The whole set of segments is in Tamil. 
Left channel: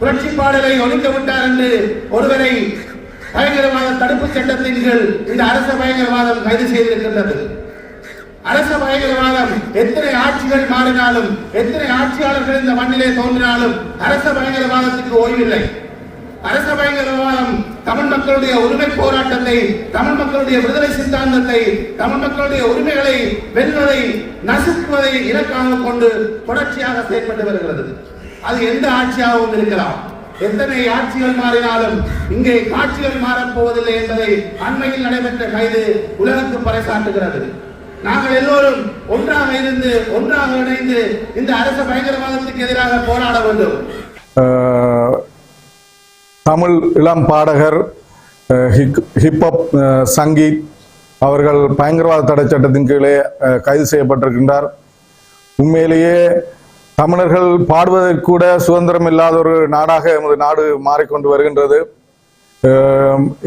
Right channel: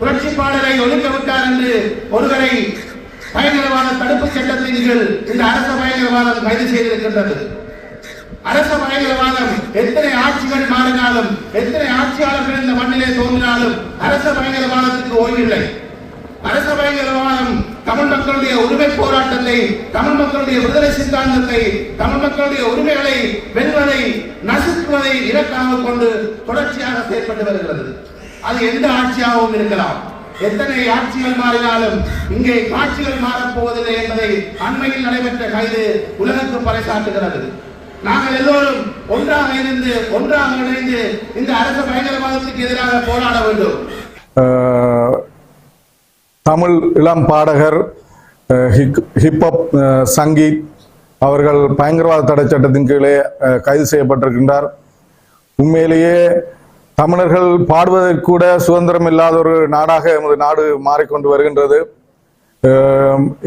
புரட்சிப்பாளரை ஒதுக்க விட்டார் என்று ஒருவரை பயங்கரவாத தடுப்பு சட்டத்தின் கீழ் இந்த அரச பயங்கரவாதம் கைது செய்திருக்கின்றது. அரச பயங்கரவாதம் எத்தனை ஆட்சிகள் மாறினாலும், எத்தனை ஆட்சியாளர்கள் இந்த மண்ணிலே தோன்றினாலும் அரச பயங்கரவாதத்துக்கு ஓய்வில்லை. அரச பயங்கரவாதம் தமிழ் மக்களுடைய உரிமை போராட்டத்தை, தமிழ் மக்களுடைய விடுதலை சித்தாந்தத்தை, தமிழ் மக்களுடைய உரிமைகளை வெல்வதை, நசுக்குவதை இலக்காக கொண்டு தொடர்ச்சியாக செயல்பட்டு வருகிறது. அது எந்த ஆட்சியாகவும் இருக்கலாம். எத்தனை ஆட்சிகள் மாறினாலும் இங்கே காட்சிகள் மாறப்போவதில்லை என்பதை அண்மையில் நடைபெற்ற கைது உலகுக்கு பறைசாற்றுகிறது. நாங்கள் எல்லோரும் ஒன்றாக இருந்து, ஒன்றாக இணைந்து இந்த அரசு பயங்கரவாதத்துக்கு எதிராக போராட வேண்டும். தமிழ் இளம் பாடகர் ஹிப்ஹப் சங்கீத் அவர்கள் பயங்கரவாத தடை சட்டத்தின் கீழே கைது செய்யப்பட்டிருக்கின்றார். உண்மையிலேயே தமிழர்கள் பாடுவதற்கு கூட சுதந்திரம் இல்லாத ஒரு நாடாக எமது நாடு மாறிக்கொண்டு வருகின்றது.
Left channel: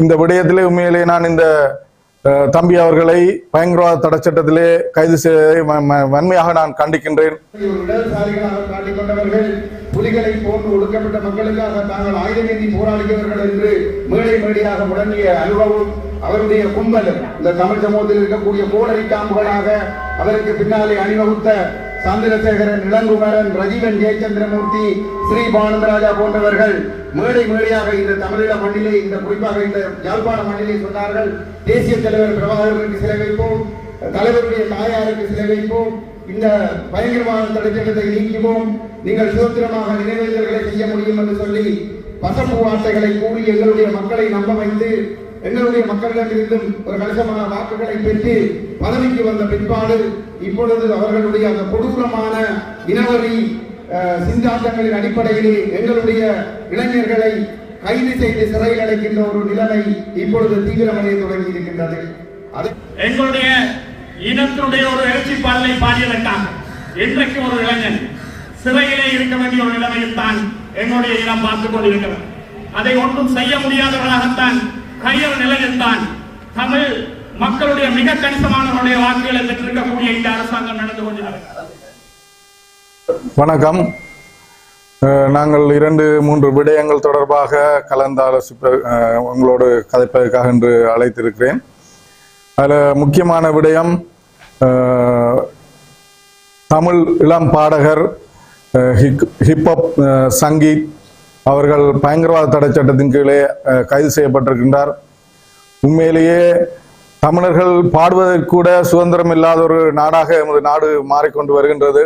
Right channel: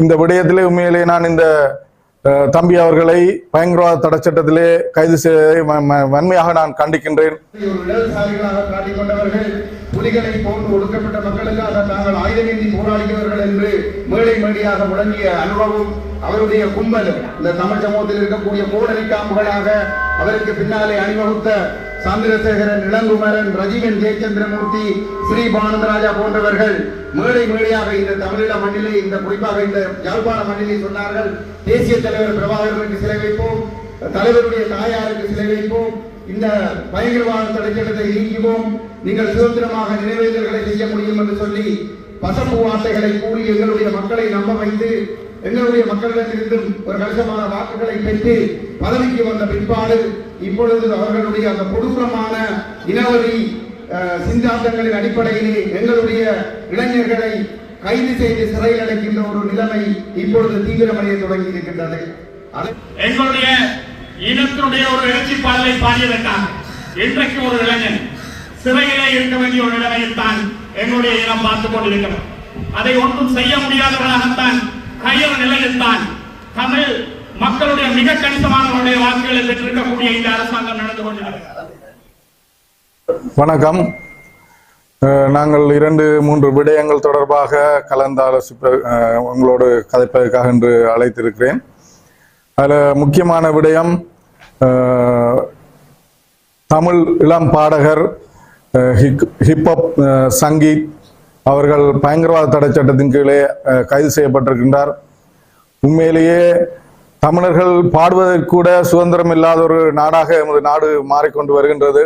இந்த விடயத்திலே உண்மையிலேயே நான் இந்த தம்பி அவர்களை பயங்கரவாத தடை சட்டத்திலே கைது செய்வதை வன்மையாக நான் கண்டிக்கின்றேன். புலிகளை போன்று ஒடுக்கப்பட்ட மக்களுக்காக தாங்கள் ஆயுத நீதி போராடியவர்கள் என்று மேடை மேடையாக முழங்கிய அனுபவம் அவருடைய கும்பலும் இந்த தமிழ் சமூகத்தில் இருக்கக்கூடிய கோடரி காம்புகளாக அவருக்கு பின்னாலே அணிவகுத்த சந்திரசேகரன், இளங்குமரன், ரஜீவன், ஜெயச்சந்திரமூர்த்தி, ஸ்ரீ பானந்தராஜா போன்றவர்கள் மேடை மேடையாக இந்த தமிழீழ மண்ணிலே, இந்த குறிப்பாக இந்த யாழ்ப்பாண மண்ணிலே சொன்னார்கள், தேசிய தலைவர் பிரபாகரனுக்கு சிலை வைப்போம், தலைவருடைய தாயாருக்கு சிலை வைப்போம், இந்த பயங்கரவாத தடை சட்டத்தை நீக்குவோம், நீங்கள் சுதந்திரமாக நினைவேந்தல்களை செய்ய முடியும் என்று சொல்லி பசப்பு வார்த்தைகளை கூறி எங்களுடைய மக்களை நம்ப வைத்து எங்களுடைய மக்களிடமிருந்து ஒரு கணிசமான வாக்குகளை பெற்று பதவிக்கு வந்த பிற்பாடு இப்பொழுது அவர்களுடைய அந்த கொடூரமான இனவெறி சிந்தாந்தங்களின் அடிப்படையிலே எங்களுடைய இளைஞர்களை கைது செய்து சிறையில் அடைக்கின்ற ஒரு நிலைமை இப்பொழுது தீவிரமடைய தொடங்கி இருக்கின்றது. எங்களுடைய இனத்தினுடைய ஒரு எழுச்சி பாடலை பாடியதற்காக இன்றைக்கு ஒரு இளைஞன் சிறையிலே இருக்க வேண்டிய ஒரு நிலைமையில் தான் எங்களுடைய இனம் பார்த்துக் கொண்டிருக்கிறோம். அதை ஒன்றும் செய்ய முடியாதவர்களாகத்தான் கையும் நிலையில் தான் தமிழ் மக்களுடைய மிக கணிசமானவருடைய வாக்குகளை பெற்றிருக்கக்கூடிய இந்த அரசாங்கம் நடந்து கொண்டிருக்கிறது. வணக்கம். நாங்கள் 2-3 விடயங்கள் தொடர்பாக கலந்தாலோசிப்ப உங்களோடு கதைப்பதற்காக என்று அழைத்திருக்கிறேன். அதில் முக்கியமான விடயம், தமிழ் இளம் பாடகர் ஹிப்ஹப் சங்கீத் அவர்கள் பயங்கரவாத தடை சட்டத்தின் கீழே கைது செய்யப்பட்டிருக்கின்றார். உண்மையிலேயே தமிழர்கள் பாடுவதற்கு கூட சுதந்திரம் இல்லாத ஒரு நாடாக எமது நாடு மாறிக்கொண்டு வருகின்றது.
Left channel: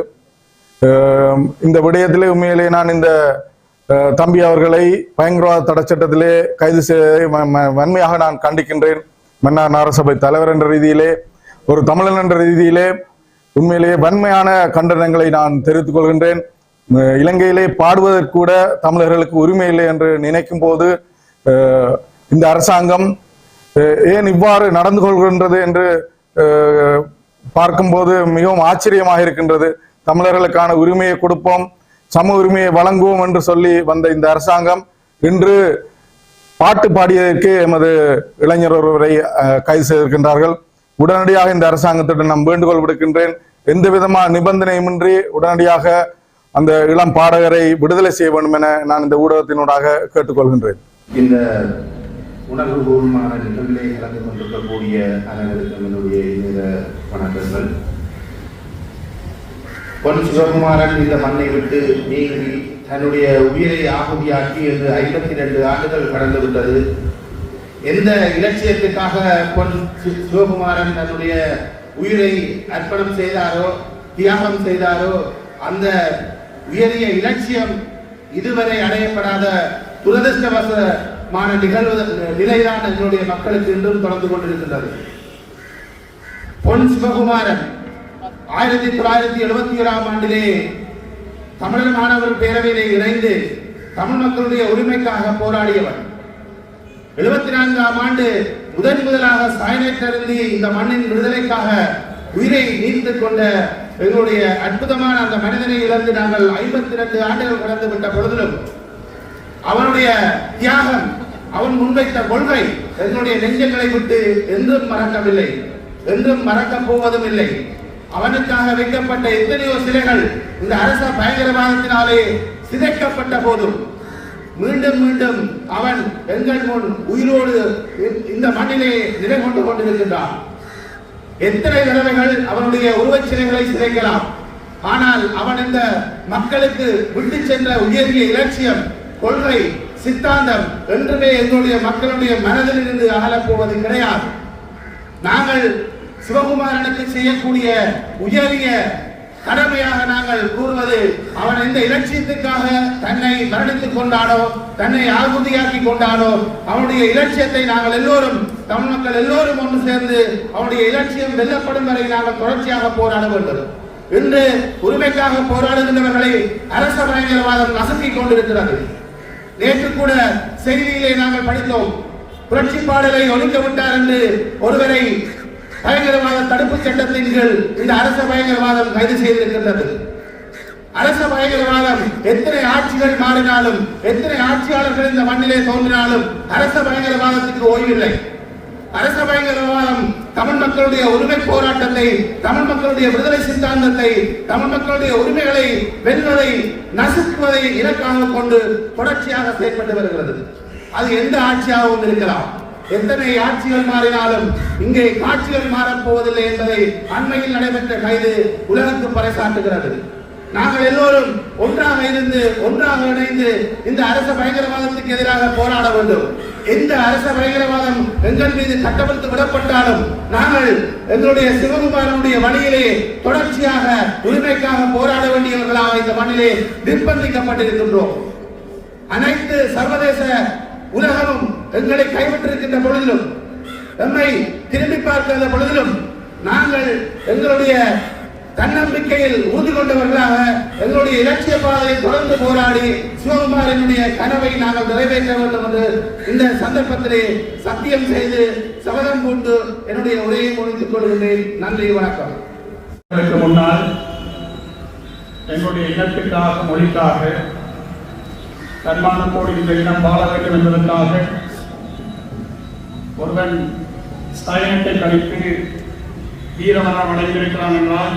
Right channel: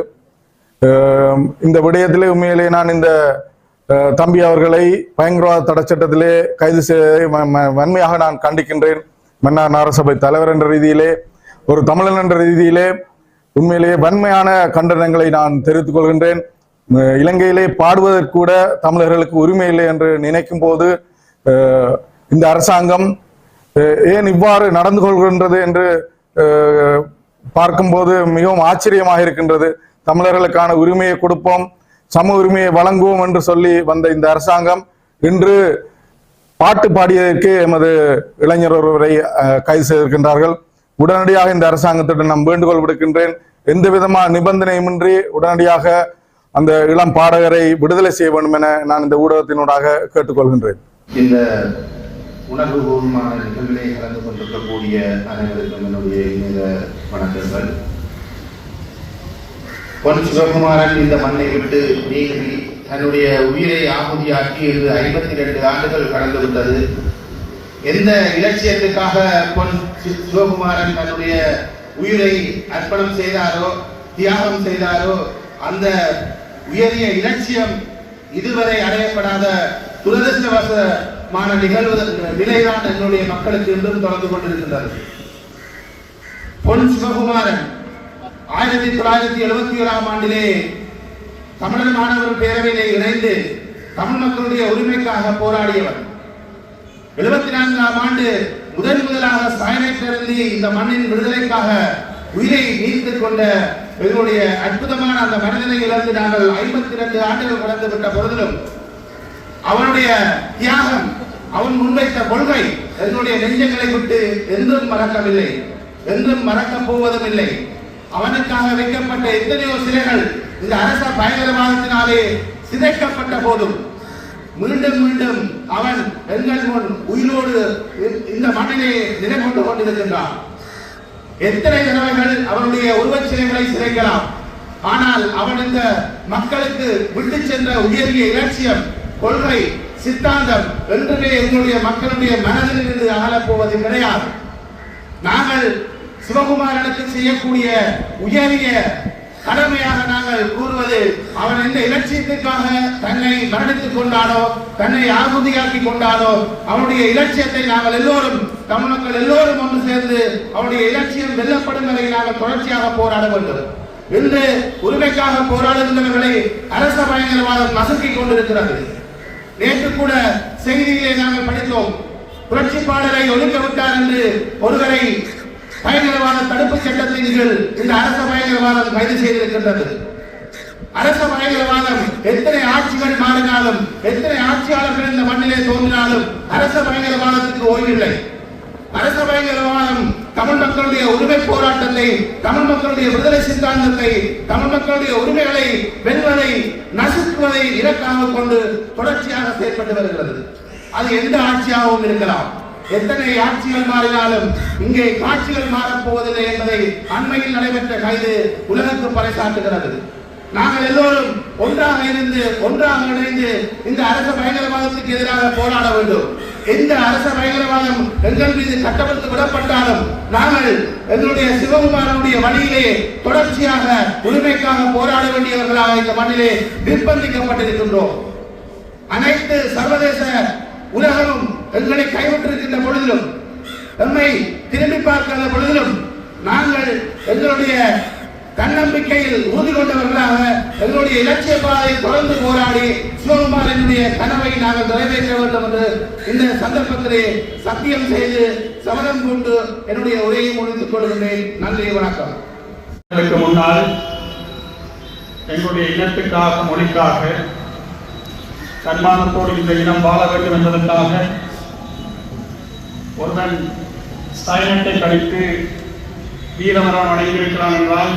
இந்த விடயத்திலே உண்மையிலேயே நான் இந்த தம்பி அவர்களை பயங்கரவாத தடை சட்டத்திலே கைது செய்வதை வன்மையாக நான் கண்டிக்கின்றேன். மன்னார் நகரசபை தலைவர் என்ற ரீதியிலே, ஒரு தமிழன் என்ற ரீதியிலே உண்மையிலேயே வன்மையான கண்டனங்களை நான் தெரிவித்துக் கொள்கின்றேன். இலங்கையிலே பாடுவதற்கு கூட தமிழர்களுக்கு உரிமை இல்லை என்று நினைக்கும் போது இந்த அரசாங்கம் ஏன் இவ்வாறு நடந்து கொள்கின்றது என்று பார்க்கும்போது மிகவும் ஆச்சரியமாக இருக்கின்றது. தமிழர்களுக்கான உரிமையை கொடுப்போம், சம உரிமையை வழங்குவோம் என்று சொல்லி வந்த இந்த அரசாங்கம் இன்று பாட்டு பாடியதற்கு எமது இளைஞர் ஒருவரை கைது செய்திருக்கின்றார்கள். உடனடியாக இந்த அரசாங்கத்திடம் நான் வேண்டுகோள் விடுக்கின்றேன், எந்த விதமான நிபந்தனையுமின்றி உடனடியாக அந்த இளம் பாடகரை விடுதலை செய்ய வேண்டும் என நான் இந்த ஊடகத்தினூடாக கேட்டுக்கொள்கின்றேன். இந்த உணர்வுபூர்வமான நிகழ்வுகளை கலந்து கொண்டிருக்கக்கூடிய அனைவருக்கும் என்னுடைய இனிய வணக்கங்கள். பொன் சிவகுமாரன் இந்த மண்ணை விட்டு நீங்கி தன்னுடைய உயிரை ஆகுதியாக்கி என்று 52 ஆண்டுகள் கடந்து விட்டது. எந்த இலட்சியத்துக்காக பொன் சிவகுமாரன் தன்னுடைய உயிரை அர்ப்பணம் செய்தாரோ, தியாகம் செய்தாரோ, அந்த உயரிய இலட்சியம் இதுவரை அடையப்படாத துரதிருஷ்டவசமான நிலைதான் என்னுடைய மக்களுக்கு இன்றும் தொடர்ந்து கொண்டிருக்கின்றது. பொன் சிவகுமாரன் 1977ஆம் ஆண்டிலே தமிழர் மாணவர் பேரவையிலே இணைந்து தமிழ் மக்களுடைய உரிமைக்காக போராடியவர். 74ஆம் ஆண்டு முதலாக சாயனேற்றி இந்த மண்ணின் விடுதலைக்காக உயிரை நீத்துக் கொண்ட எங்களுடைய அற்புதமான அந்த மனிதனையிலிருந்து நாங்கள் 52 ஆண்டுகள் கடந்து விட்ட பொழுதிலும் அவனுடைய தியாகம், அவன் முன்வைத்த கொள்கை எங்களுடைய நெஞ்சங்களை விட்டு என்றும் மறக்கவில்லை, என்றும் மறக்கப் போவதும் இல்லை. அவனுக்காக வைக்கப்பட்ட எத்தனையோ சிலைகள் இந்த அரச பயங்கரவாதத்தினாலே சிதைக்கப்பட்ட போதும் மீண்டும் மீண்டும் அவன் எங்கள் முன் உயிரோடு இந்த மண்ணிலே நிலை கொண்டு கொண்டிருக்கின்றான். எத்தனை தடவைகள் அவனுடைய உருவச்சிலைகளை சிதைக்கலாம், ஆனால் அவன் இந்த மக்களுக்கு விட்டு சென்ற உயரிய இலட்சியம், கொள்கை, சித்தாந்தம் என்றுமே எங்களுடைய மக்களுடைய மனதிலிருந்து அகலப் போவது கிடையாது. நாங்கள் சிவகுமாரனுக்கு செய்யக்கூடிய உயரிய கடமையாக நாங்கள் கூறுவது, அவன் இந்த இலட்சியத்திற்காக தன்னை மரணித்துக் கொண்டாலோ தன்னை ஆகுதியாக்கி கொண்டாலோ அவனுடைய இலட்சியத்தை நாங்கள் எல்லோரும் தமிழ் மக்கள் எல்லோரும் ஒன்று சேர்ந்து அவனுடைய இலட்சியம் வெல்லப்படும் வரை நாங்கள் தொடர்ச்சியாக போராட வேண்டும். இன்று உரிமைக்காக போராடுகின்றவர்களை அரச பயங்கரவாதம் நசுக்கிக் கொண்டிருக்கிறது. நேற்று கூட செய்தியிலே நாங்கள் படித்தோம், புரட்சி பாடலை ஒழிக்க விட்டார் என்று ஒருவரை பயங்கரவாத தடுப்பு சட்டத்தின் கீழ் இந்த அரச பயங்கரவாதம் கைது செய்திருக்கின்றது. அரச பயங்கரவாதம் எத்தனை ஆட்சிகள் மாறினாலும், எத்தனை ஆட்சியாளர்கள் இந்த மண்ணிலே தோன்றினாலும் அரச பயங்கரவாதத்துக்கு ஓய்வில்லை. அரச பயங்கரவாதம் தமிழ் மக்களுடைய உரிமை போராட்டத்தை, தமிழ் மக்களுடைய விடுதலை சித்தாந்தத்தை, தமிழ் மக்களுடைய உரிமைகளை வெல்வதை, நசுக்குவதை இலக்காக கொண்டு தொடர்ச்சியாக செயல்பட்டு வருகிறது. அது எந்த ஆட்சியாகவும் இருக்கலாம். எத்தனை ஆட்சிகள் மாறினாலும் இங்கே காட்சிகள் மாறப் போவதில்லை என்பதை அண்மையில் நடைபெற்ற கைது உலகுக்கு பறைசாற்றுகிறது. நாங்கள் எல்லோரும் ஒன்றாக இருந்து ஒன்றாக இணைந்து இந்த அரச பயங்கரவாதத்துக்கு எதிராக போராட வேண்டும். எந்த அரச பயங்கரவாதம் எங்கள் மீது கட்டவிழ்த்து விடப்பட்டாலும் நாங்கள் எங்களுடைய சிவகுமாரனுடைய வழியிலே தொடர்ச்சியாக உரிமைக்காக போராட வேண்டியவர்களாக இந்த மண்ணிலே நிர்பந்திக்கப்பட்டிருக்கின்றோம். அனைத்து சர்வதேச உலகமும் எங்களை கைவிட்டிருக்கின்ற பொழுதிலும், நம்மை திரும்பி பார்க்கின்ற பொழுதிலும் நாங்கள் எங்களுடைய தன்னம்பிக்கையில் உறுதி கொண்டவர்களாக எங்களுடைய இலட்சிய பாதையை தொடர்ந்து போராடி சிவகுமாரனுடைய கனவை நாங்கள் நிறைவேற்ற வேண்டும் என்று இந்த சந்தர்ப்பத்திலே சத்தியம் செய்து சபதம் கொண்டு என்னுடைய உரையை முடித்துக் கொள்கிறேன். நன்றி, வணக்கம். இதற்கு முன்னால் எங்களுடைய இனத்துக்காக, மொழிக்காக, தன்மானத்தோடு இந்த இனம் வாழ வேண்டும் என்பதற்காக ஒருவன் சயனத்தை கழித்து வீரமரம் அடைந்திருக்கிறான் என்றால்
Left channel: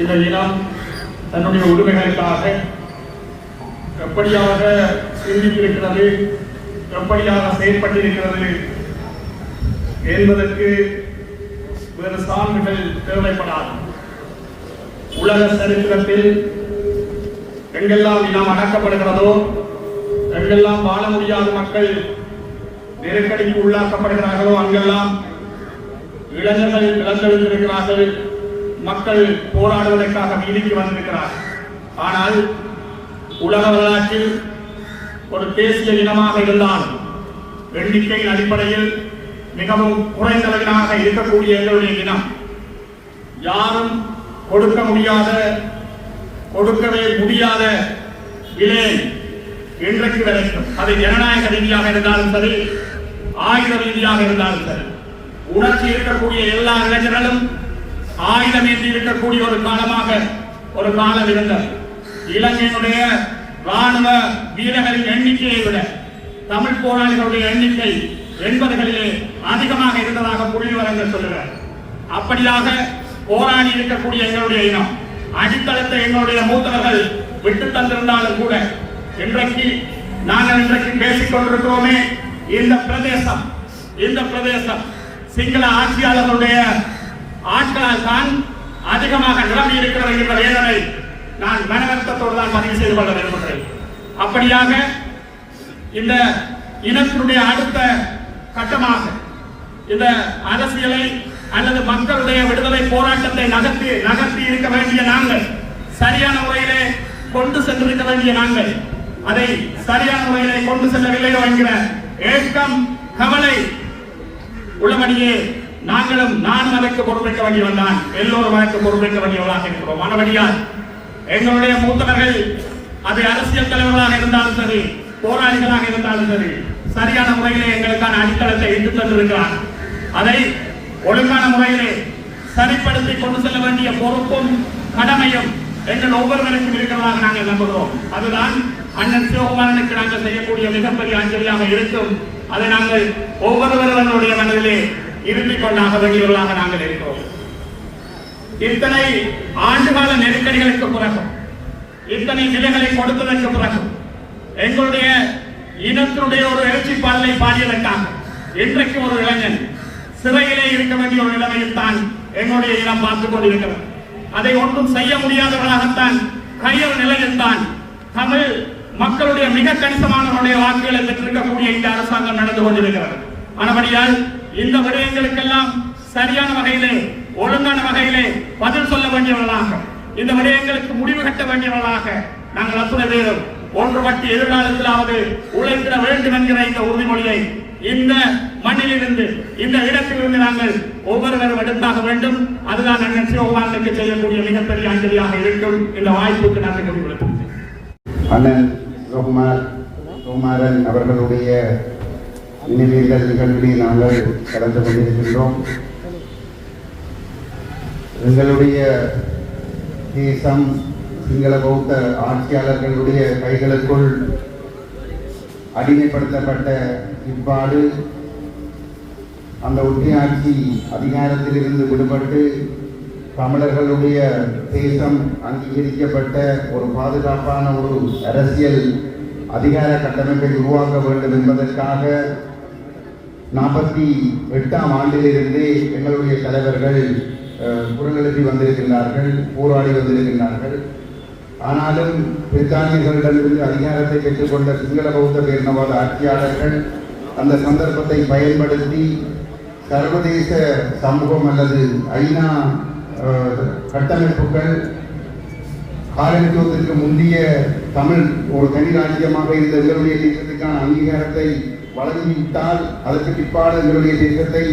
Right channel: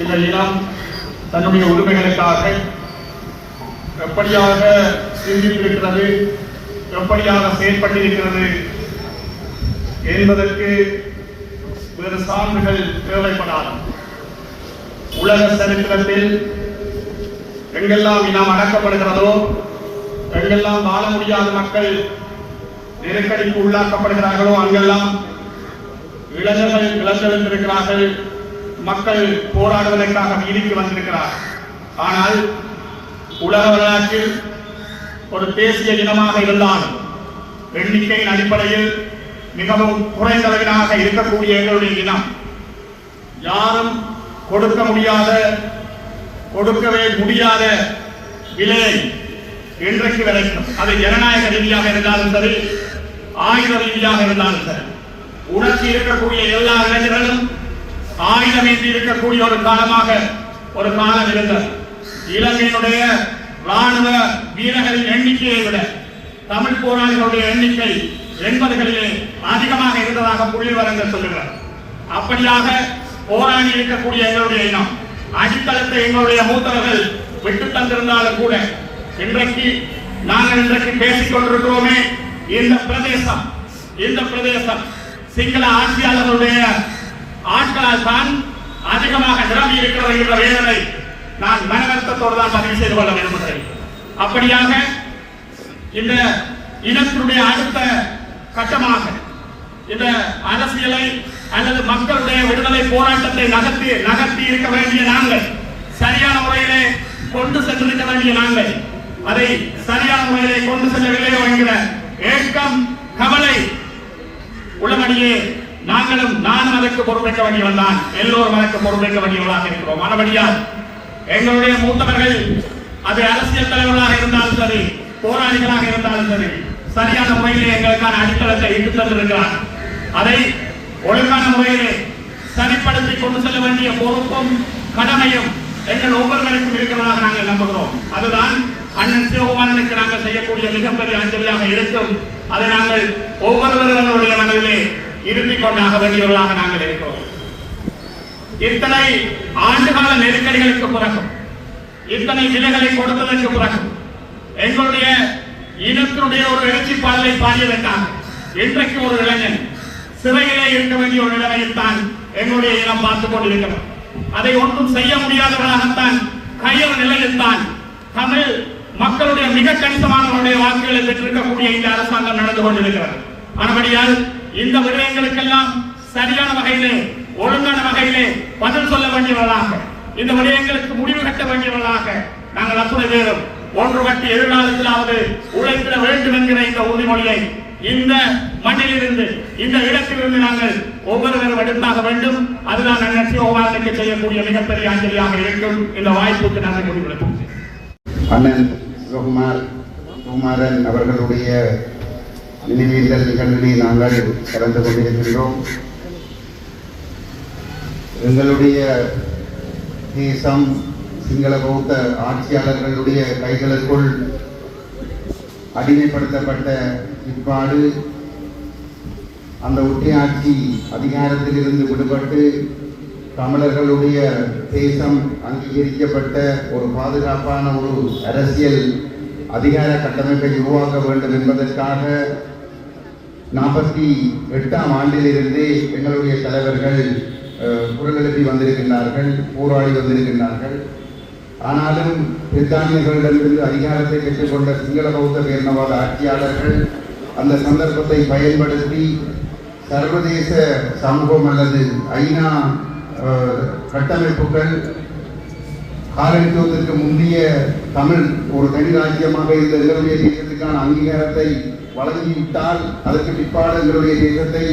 இந்த இனம் தன்னுடைய உரிமைகளுக்காக எப்படியாக சிந்தித்திருக்கிறது, எப்படியாக செயற்பட்டிருக்கிறது என்பதற்கு வேறு சான்றுகள் தேவைப்படாது. உலக சரித்திரத்தில் எங்கெல்லாம் இனம் அடக்கப்படுகிறதோ, எங்கெல்லாம் வாழ முடியாத மக்கள் நெருக்கடிக்கு உள்ளாக்கப்படுகிறார்களோ அங்கெல்லாம் இளைஞர்கள் இழந்திருக்கிறார்கள், மக்கள் போராடுவதற்காக வீதிக்கு வந்திருக்கிறார். ஆனால் உலக வரலாற்றில் ஒரு தேசிய இனமாக இருந்தால் எண்ணிக்கையின் அடிப்படையில் மிகவும் குறைந்தவர்களாக இருக்கக்கூடிய எங்களுடைய இனம் யாரும் கொடுக்கவே முடியாத விலையை இன்றைக்கு கிடைக்கும். அது ஜனநாயக ரீதியாக இருந்தாலும் சரி, ஆயுத ரீதியாக இருந்தாலும் சரி, உணர்ச்சி இருக்கக்கூடிய எல்லா இளைஞர்களும் ஆயுதமேந்தி இருக்கக்கூடிய ஒரு காலமாக ஒரு காலம் இருந்தது. இலங்கையினுடைய ராணுவ வீரர்களின் எண்ணிக்கையை விட தமிழ் போராளிகளுடைய எண்ணிக்கை 80களிலே அதிகமாக இருந்ததாக புள்ளிவிவரங்கள் சொல்லுகிறார். அப்படியாக போராடி இருக்கக்கூடிய எங்களுடைய இனம் அடித்தளத்தை எங்களுடைய மூத்தவர்கள் விட்டு தந்திருந்தாலும் கூட இன்றைக்கு நாங்கள் பேசிக் கொண்டிருக்கிறோமே, இந்த பிரதேசம் சிங்கள ஆட்சியாளர்களுடைய ஆட்களால் தான் அதிகமாக நிரம்பி இருக்கிறது என்ற வேதனை நான் மனவருத்தத்தோடு தான் பதிவு செய்து கொள்ள விரும்புகிறேன். அப்படியாக இந்த இனத்தினுடைய அடுத்த கட்டமாக இந்த அரசியலை அல்லது மக்களுடைய விடுதலை போராட்டத்தை நகர்த்தி இருக்க வேண்டிய நாங்கள், சரியான முறையிலே கொண்டு சென்றிருக்க வேண்டிய நாங்கள் அதை சரியான முறையிலே கொண்டு செல்லவில்லை என்கிற ஏக்கம், கவலை உள்ளபடியே நானும் அதற்கு பொறுப்பேற்க வேண்டியவன் தான், எல்லோரும் அதற்கு பொறுப்பேற்க வேண்டியவர்களாக இருக்கிறோம். மறுபடியால் எங்களுடைய மூத்தவர்கள் அது அரசியல் தலைவர்களாக இருந்தாலும் சரி, போராளிகளாக இருந்தாலும் சரி, சரியான முறையிலே எங்களுக்கான அடித்தளத்தை இட்டு தந்திருக்கிறார். அதை ஒழுங்கான முறையிலே சரிப்படுத்தி கொண்டு செல்ல வேண்டிய பொறுப்பும் கடமையும் எங்கள் ஒவ்வொருவருக்கும் இருக்கிறதாக நாங்கள் நம்புகிறோம். அதுதான் அண்ணன் சிவகுமாரனுக்கு நாங்கள் செய்யக்கூடிய மிகப்பெரிய அஞ்சலியாக இருக்கும். அதை நாங்கள் ஒவ்வொருவர்களுடைய மனதிலே இருத்திக் கொண்டாக வேண்டியவர்களாக நாங்கள் இருக்கிறோம். இத்தனை ஆண்டுகால நெருக்கடிகளுக்கு பிறகும், இத்தனை விலைகளை கொடுத்ததற்கு பிறகும் எங்களுடைய இனத்தினுடைய ஒரு எழுச்சி பாடலை பாடியதற்காக இன்றைக்கு ஒரு இளைஞன் சிறையிலே இருக்க வேண்டிய ஒரு நிலைமையில் தான் எங்களுடைய இனம் பார்த்துக் கொண்டிருக்கிறது. அதை ஒன்றும் செய்ய முடியாதவர்களாகத்தான் கையில் நிலையில் தான் தமிழ் மக்களுடைய மிக கணிசமானவருடைய வாக்குகளை பெற்றிருக்கக்கூடிய இந்த அரசாங்கம் நடந்து கொண்டிருக்கிறது. ஆனபடியால் இந்த விடயங்களுக்கெல்லாம் சரியான வகையிலே ஒழுங்கான வகையிலே பதில் சொல்ல வேண்டியவர்களாக, இந்த விடயங்களுக்கு முடிவு கட்ட வேண்டியவர்களாக நாங்கள் அத்துணை பேரும் ஒன்றுபட்டு எதிர்காலத்திலாவது உழைத்திட வேண்டும் என்கிற இந்த உறுதிமொழியை இந்த மண்ணிலிருந்து இந்த இடத்திலிருந்து நாங்கள் ஒவ்வொருவரும் எடுத்தாக வேண்டும். அதுதான் அண்ணன் சிவகுமாரனுக்கு செய்யக்கூடிய மிகப்பெரிய அஞ்சலியாக இருக்கும். இந்த வாய்ப்புக்கு நாங்கள் முடிவெடுப்போம். அண்ணன் சுகுமாரன் அவர்களுடைய நினைவேந்தல் நிகழ்வில் நாங்கள் கலந்து கொண்டிருக்கின்றோம். எங்களுடைய தேசம் சிங்கள பௌத்த ஆட்சியாளர்களுடைய கைகளுக்குள் அடிமைப்படுத்தப்பட்ட இவ்வாறு அந்த ஒட்டியாட்சி அதிகாரத்தில் இருந்து விடுபட்டு தமிழர்களுடைய தேசம் அங்கீகரிக்கப்பட்ட ஒரு பாதுகாப்பான ஒரு அரசியல் அதிகார கட்டமைப்பை உருவாக்க வேண்டும் என்பதற்காக 48ஆம் ஆண்டிலிருந்து எங்களுடைய தலைவர்கள் குரல் எழுப்பி வந்திருக்கிறார்கள், போராடி வந்திருக்கிறார்கள். ஆனாலும் பிரித்தானியர்களிடமிருந்து அதிகாரத்தை பெற்றுக்கொண்ட சிங்கள பௌத்த பேரினவாத ஆட்சியாளர்கள் அந்த சந்தர்ப்பத்தை பயன்படுத்தி சர்வதேச சமூகம் அல்லது ஐநா கட்டமைப்புகள் காலனித்துவத்திற்கு முந்தைய தமிழ் ஒரு தனி ராஜ்யமாக இந்த எங்களுடைய தேசத்துக்கான அங்கீகாரத்தை வழங்கிவிட்டால் அதற்கு பிற்பாடு எங்களுடைய தேசத்தை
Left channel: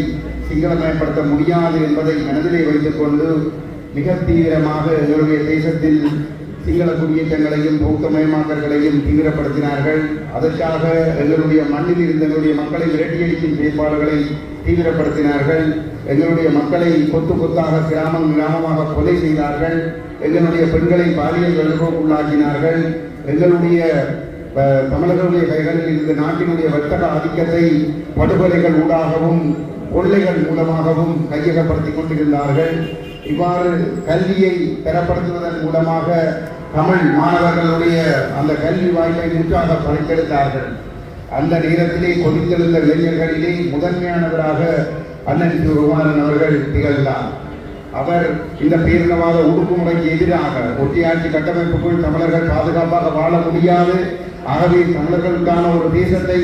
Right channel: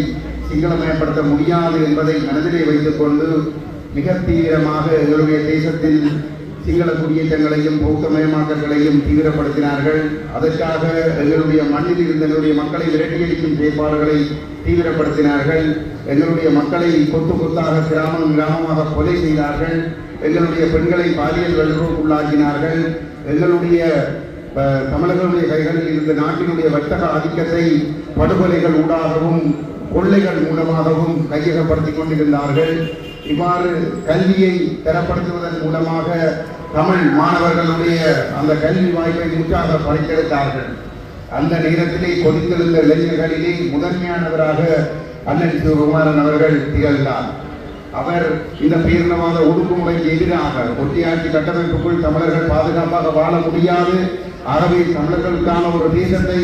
சிங்களமயப்படுத்த முடியாது என்பதை மனதிலே வைத்துக் கொண்டு மிக தீவிரமாக எங்களுடைய தேசத்தில் சிங்கள குடியேற்றங்களையும் பௌத்தமயமாக்கல்களையும் தீவிரப்படுத்தினார்கள். அதற்காக எங்களுடைய மண்ணில் இருந்த எங்களுடைய மக்களை விரட்டியடிக்கும் செயற்பாடுகளை தீவிரப்படுத்தினார்கள். எங்களுடைய மக்களை கொத்து கொத்தாக கிராமம் கிராமமாக கொலை செய்தார்கள். எங்களுடைய பெண்களை பாலியல் வல்லுறவுக்குள்ளாக்கினார்கள். எங்களுடைய தமிழர்களுடைய கைகளில் இருந்த நாட்டினுடைய வர்த்தக ஆதிக்கத்தை படுகொலைகள் ஊடாகவும் கொள்ளைகள் மூலமாகவும் கையகப்படுத்திக் கொண்டிருந்தார்கள். இவ்வாறு கல்வியை தரப்படுத்துவதன் மூலமாக தமிழ் மாணவர்களுடைய அந்த கல்வி வாய்ப்பை உற்சாக படைத்தெடுத்தார்கள். அந்த நேரத்திலே கொதித்தெழுந்த இளைஞர்களிலே முதன்மையானவராக அண்ணன் சிவகுமாரன் அவர்கள் திகழ்ந்தார். அவர் இந்த பேரினவாத ஒடுக்குமுறைக்கு எதிராக ஒட்டியாட்சி கட்டமைப்புக்குள் தமிழர்கள் பாதுகாப்பாக வாழ முடியாது, ஆகவே தமிழர்களுக்கான ஒரு தேசத்தை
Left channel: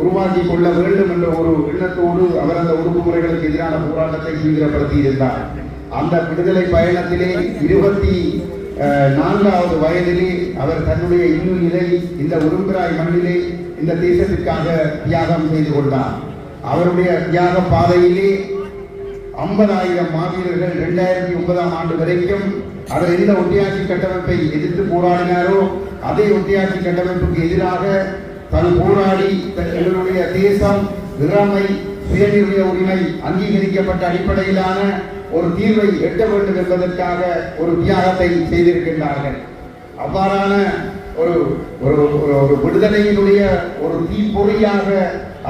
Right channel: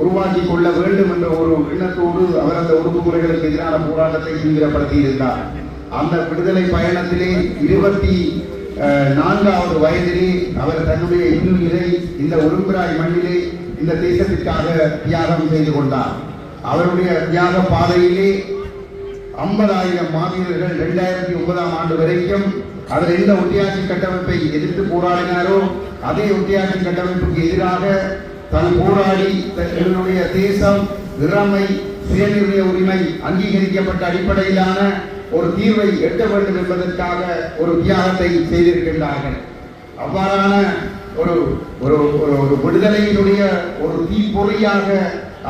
உருவாக்கி கொள்ள வேண்டும் என்ற ஒரு எண்ணத்தோடு அவர் அந்த ஒடுக்குமுறைகளுக்கு எதிரான போராட்டத்தை தீவிரப்படுத்தி இருந்தார். அந்த விடுதலை பயணத்திலே 24வது வயதிலே அவர் தன்னுடைய இன்னுயிரை இந்த ஒருங்குராய் மண்ணிலே இந்த தேசத்திற்காக தியாகம் செய்து கொண்டார். அவருடைய தியாக பாதையிலே 50,000 மாவீரர்கள் 2009ஆம் ஆண்டு வரைக்கும் அவர் எந்த ஒட்டியாட்சி கட்டமைப்பை எதிர்த்து போராடினாரோ அதே ஒட்டியாட்சி கட்டமைப்புக்கு எதிராக தன் போராடி எங்களுடைய தேசம் இறைமை சுயநிர்ணய உரிமை அங்கீகரிக்கப்பட்ட அடிப்படையிலான ஒரு தீர்வை எட்ட வேண்டும் என்பதற்காக ஒரு தியாகத்தை செய்திருக்கின்றார்கள். அவ்வாறான ஒரு ஒரு விடுதலையினுடைய ஒரு தீப்பொறியாக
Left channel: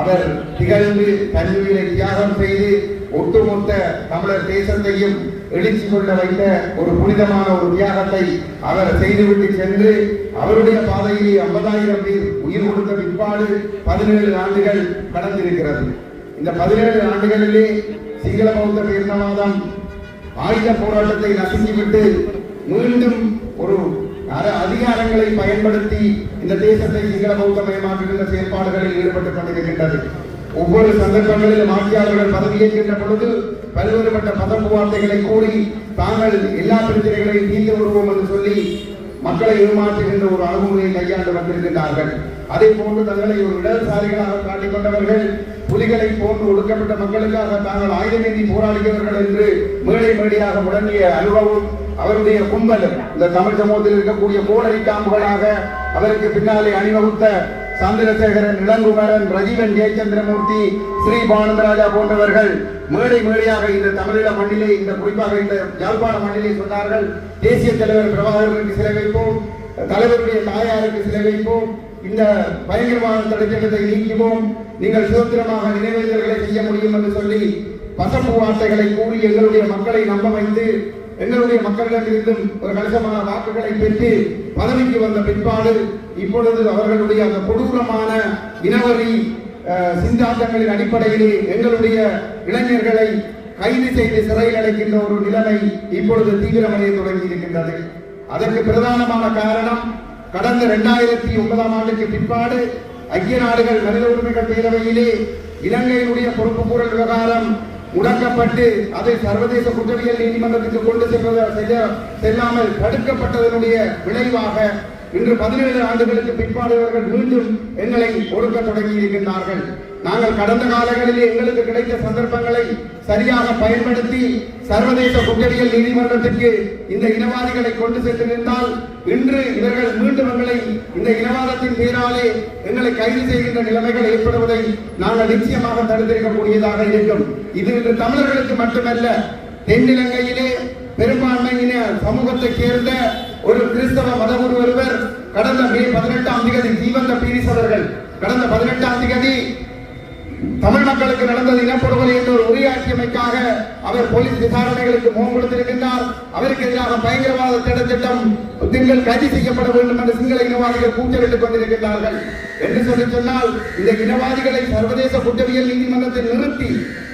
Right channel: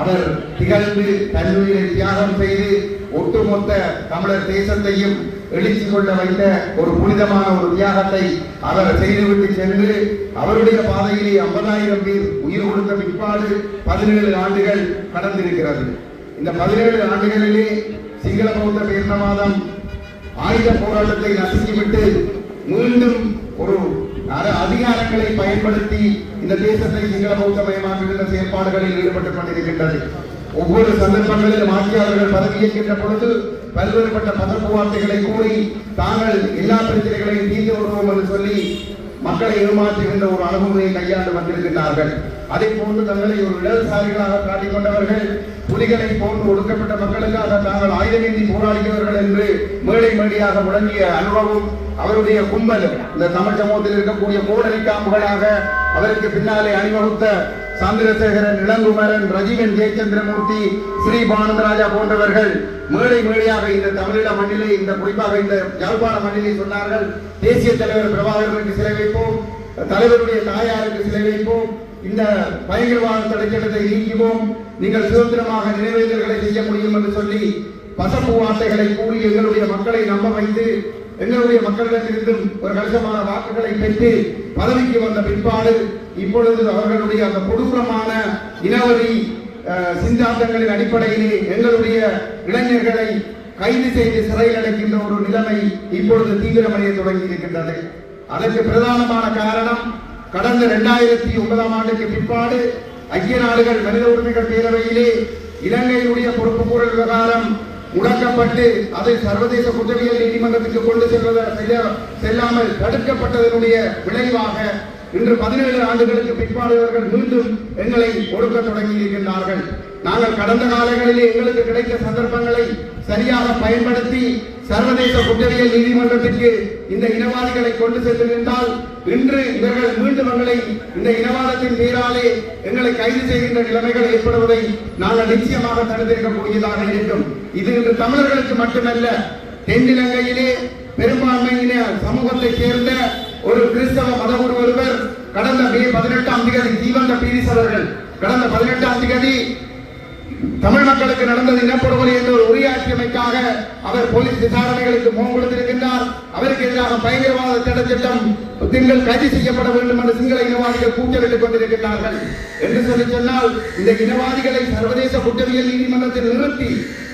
அவர் திகழ்ந்து தன்னுடைய தியாகம் செய்து ஒட்டுமொத்த தமிழர் தேசத்தையும் எழுச்சி கொள்ள வைத்த ஒரு புனிதமான ஒரு தியாகத்தை அவர் செய்துவிட்டு சென்று அவருடைய பாதையிலே 50,000 பேர் உயிர் கொடுத்த பிற்பாடு 17 ஆண்டுகள் கடந்திருக்கிறது. இந்த 17 ஆண்டுகளிலே சிங்கள பௌத்த பேரினவாதம் ஆயுத போராட்டத்தை நசுக்கிவிட்டு மீண்டும் ஒரு அதிகாரங்களை பயன்படுத்தி இந்த தேசத்தை சிங்கள பௌத்தமயமாக்குகின்ற செயற்பாடுகளில் ஈடுபட்டுக் கொண்டிருக்கின்றது. ஒவ்வொரு சந்தர்ப்பங்களிலும் ஆட்சியாளர்கள் பதவியேற்கின்ற பொழுது பல்வேறுபட்ட பதப்பு வார்த்தைகளை கூறி தாங்கள் எல்லா பிரச்சனைகளையும் தீர்த்து வருவோம் என்று சொல்லி மக்களை ஏமாற்றுகின்ற ஒரு அணுகுமுறையை கையாண்டு வந்திருக்கிறார்கள். அதே போன்று தங்களை ஒரு இடதுசாரிகளாக காட்டிக் கொண்டவர்கள் புலிகளை போன்று ஒடுக்கப்பட்ட மக்களுக்காக தாங்கள் ஆயுதமேந்தி போராடியவர்கள் என்று மேடை மேடையாக முழங்கிய அனுபவம் அவருடைய கும்பலும் இந்த தமிழ் சமூகத்தில் இருக்கக்கூடிய கோடரி காம்புகளாக அவருக்கு பின்னாலே அணிவகுத்த சந்திரசேகரன், இளங்குமரன், ரஜீவன், ஜெயச்சந்திரமூர்த்தி, ஸ்ரீ பானந்தராஜா போன்றவர்கள் மேடை மேடையாக இந்த தமிழீழ மண்ணிலே இந்த குறிப்பாக இந்த யாழ்ப்பாண மண்ணிலே சொன்னார்கள், தேசிய தலைவர் பிரபாகரனுக்கு சிலை வைப்போம், தலைவருடைய தாயாருக்கு சிலை வைப்போம், இந்த பயங்கரவாத தடைச்சட்டத்தை நீக்குவோம், நீங்கள் சுதந்திரமாக நினைவேந்தல்களை செய்ய முடியும் என்று சொல்லி பசப்பு வார்த்தைகளை கூறி எங்களுடைய மக்களை நம்ப வைத்து எங்களுடைய மக்களிடமிருந்தும் ஒரு கணிசமான வாக்குகளை பெற்று பதவிக்கு வந்த பிற்பாடு இப்பொழுது அவர்களுடைய அந்த கொடூரமான இனவெறி சிந்தாந்தங்களின் அடிப்படையிலே எங்களுடைய இளைஞர்களை கைது செய்து சிறையில் அடைக்கின்ற ஒரு நிலைமை இப்பொழுது தீவிரமடைய தொடங்கி இருக்கின்றது. அதற்கு பிரதானமான காரணம் கடந்த 2009 ஆண்டுக்கு பிற்பாடு ஐக்கிய நாடுகள் மனித உரிமைகள் பேரவையிலே இலங்கையினுடைய பொறுப்புக்கூறல் விவகாரம் முடக்கப்பட்டு அதை சர்வதேச குற்றவியல் நீதிமன்றத்திற்கு கொண்டு செல்லாமல் தடுக்கப்பட்டதனுடைய விளைவாக இன்று 17 ஆண்டுகளுக்கு பிற்பாடு இவர்கள் மீண்டும் எங்களை ஒடுக்க தொடங்கி இருக்கின்றார்கள். நாங்கள் கடந்த காலங்களிலே எங்களுக்கு கிடைத்த சந்தர்ப்பங்களை சரியாக பயன்படுத்தி சர்வதேச குற்றவியல் நீதிமன்றத்திற்கு இந்த இனவாதிகளை கொண்டு சென்றிருந்தால் இன்று இவர்கள் மீண்டும் எங்களை இந்த இனவாதத்தின் பேராலே எங்களை கைது செய்கின்ற நிலைமைகள் ஏற்படுவதை நாங்கள் நிச்சயமாக தடுத்திருக்கக்கூடியதாக இருக்கும். இது இன்று தமிழர்களுக்கு மட்டுமல்ல, தென்னிலங்கையிலே பெரும்பான்மையின சமூகத்தைச் சேர்ந்த ஒரு கிறிஸ்தவ மதகுரு ஒருவர் கடந்த மே 18ஆம் தேதி ஜீவந்த பீரிஸ் அவர்கள் கடந்த 18ஆம் தேதி தமிழ் மக்களுக்கு நடந்தது இனப்படுகொலை என்ற ஒரு உரையாற்றியமைக்காக அவர் போலீஸ் விசாரணைகளுக்கு முகம் கொடுத்திருக்கின்றார். அவருக்கு எதிராக பயங்கரவாத தடை சட்டம் கைது செய்யப்பட வேண்டும் என்று சிங்கள இனவாதிகள் கூச்சலிட்டுக் கொண்டிருக்கிறார்கள். என்று சொன்னால் இந்த இனவாதிகளை சர்வதேச குற்றவியல் நீதிமன்றத்தில் நிறுத்தி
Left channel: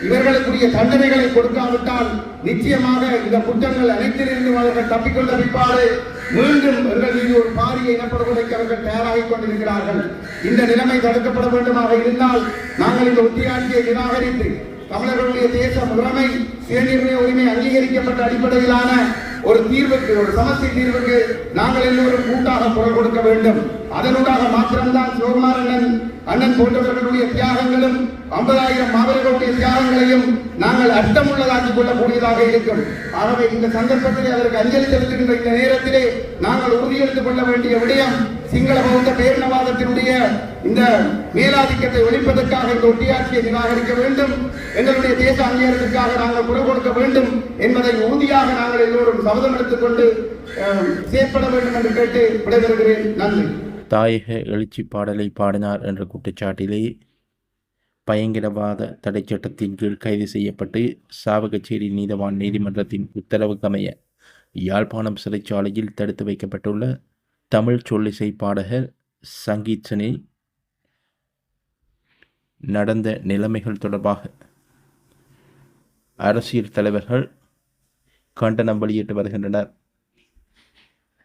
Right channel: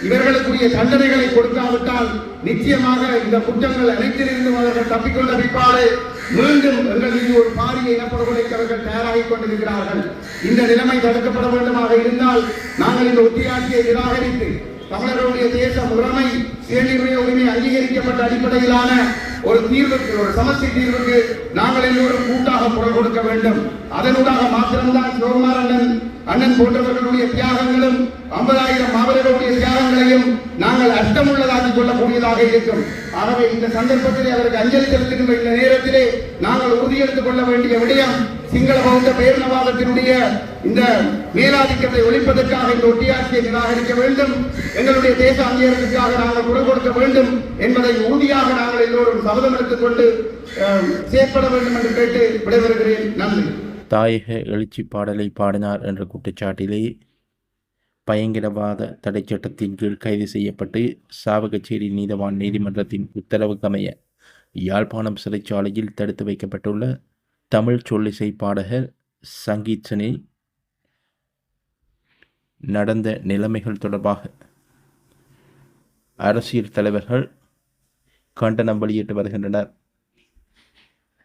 இவர்களுக்குரிய தண்டனைகளை கொடுக்காவிட்டால் நிச்சயமாக இந்த குற்றங்கள் அனைத்திலிருந்து அவர்கள் தப்பிக்கொண்ட பிற்பாடு மீண்டும் எங்கள் மீது ஒரு பாரிய இனப்படுகொலைக்கு அவர்கள் தயாராகிக் கொண்டிருக்கிறார்கள். இந்த நிலைமை தடுக்கப்பட வேண்டுமாக இருந்தால் நாங்கள் இந்த ஒத்தியாட்சியை நிராகரித்து தமிழர்களுடைய தேச முறைமை சுயநிர்ணய உரிமை அங்கீகரிக்கப்பட்ட அடிப்படையிலான ஒரு தீர்வுக்கு, ஒரு சமஸ்தி தீர்வுக்கு நாங்கள் எல்லோரும் கூட்டாக குரல் கொடுக்க வேண்டும். அதனூடாக மாத்திரம்தான் சிவகுமாரன் அண்ணன் போன்றவர்களுடைய தியாகங்களும் 50,000 மாவீரர்களுடைய தியாகங்களையும் நாங்கள் அர்த்தமுள்ளதாக்கிக் கொள்ளக்கூடியதாக இருக்கும். ஆகவே இந்த சந்தர்ப்பத்தில் அதற்கு அஞ்சலி செலுத்துகின்ற இந்த நேரத்திலே நாங்கள் உறுதியெடுத்துக் கொள்ள வேண்டிய விடயம் சிங்கள பௌத்த பேரினவாதத்தினுடைய இந்த மேலாதிக்கத்தை ஒழிப்பதற்காக இந்த ஒட்டியாட்சியை நிராகரிக்க வேண்டும், எங்களுடைய தேச அங்கீகாரத்திற்காக நாங்கள் குரல் கொடுக்க வேண்டும் என்பதை உறுதியாக நாங்கள் எல்லோரும் சபதம் எடுத்துக் கொண்டு செயற்பட வேண்டும் என்று கேட்டு விடைபெறுகிறேன். நன்றி. தாயக எழுச்சி பாடலை பாடினார் என்ற குற்றச்சாட்டிலே பயங்கரவாத தடை சட்டத்தின் கீழ் கைது செய்யப்பட்டு சாவகச்சேரி நீதவான் நீதிமன்றத்தின் உத்தரவுக்கமைய யாழ்ப்பாணம் சிறைச்சாலையில் தடுத்து வைக்கப்பட்டுள்ள தமிழ் சொல்லிசை பாடகர் சங்கீத்சனை நடந்த நிலைமைகள் தொடர்பாக அரசியல் தலைவர்கள் கண்டனம் வெளியிட்டு வருகின்றனர்.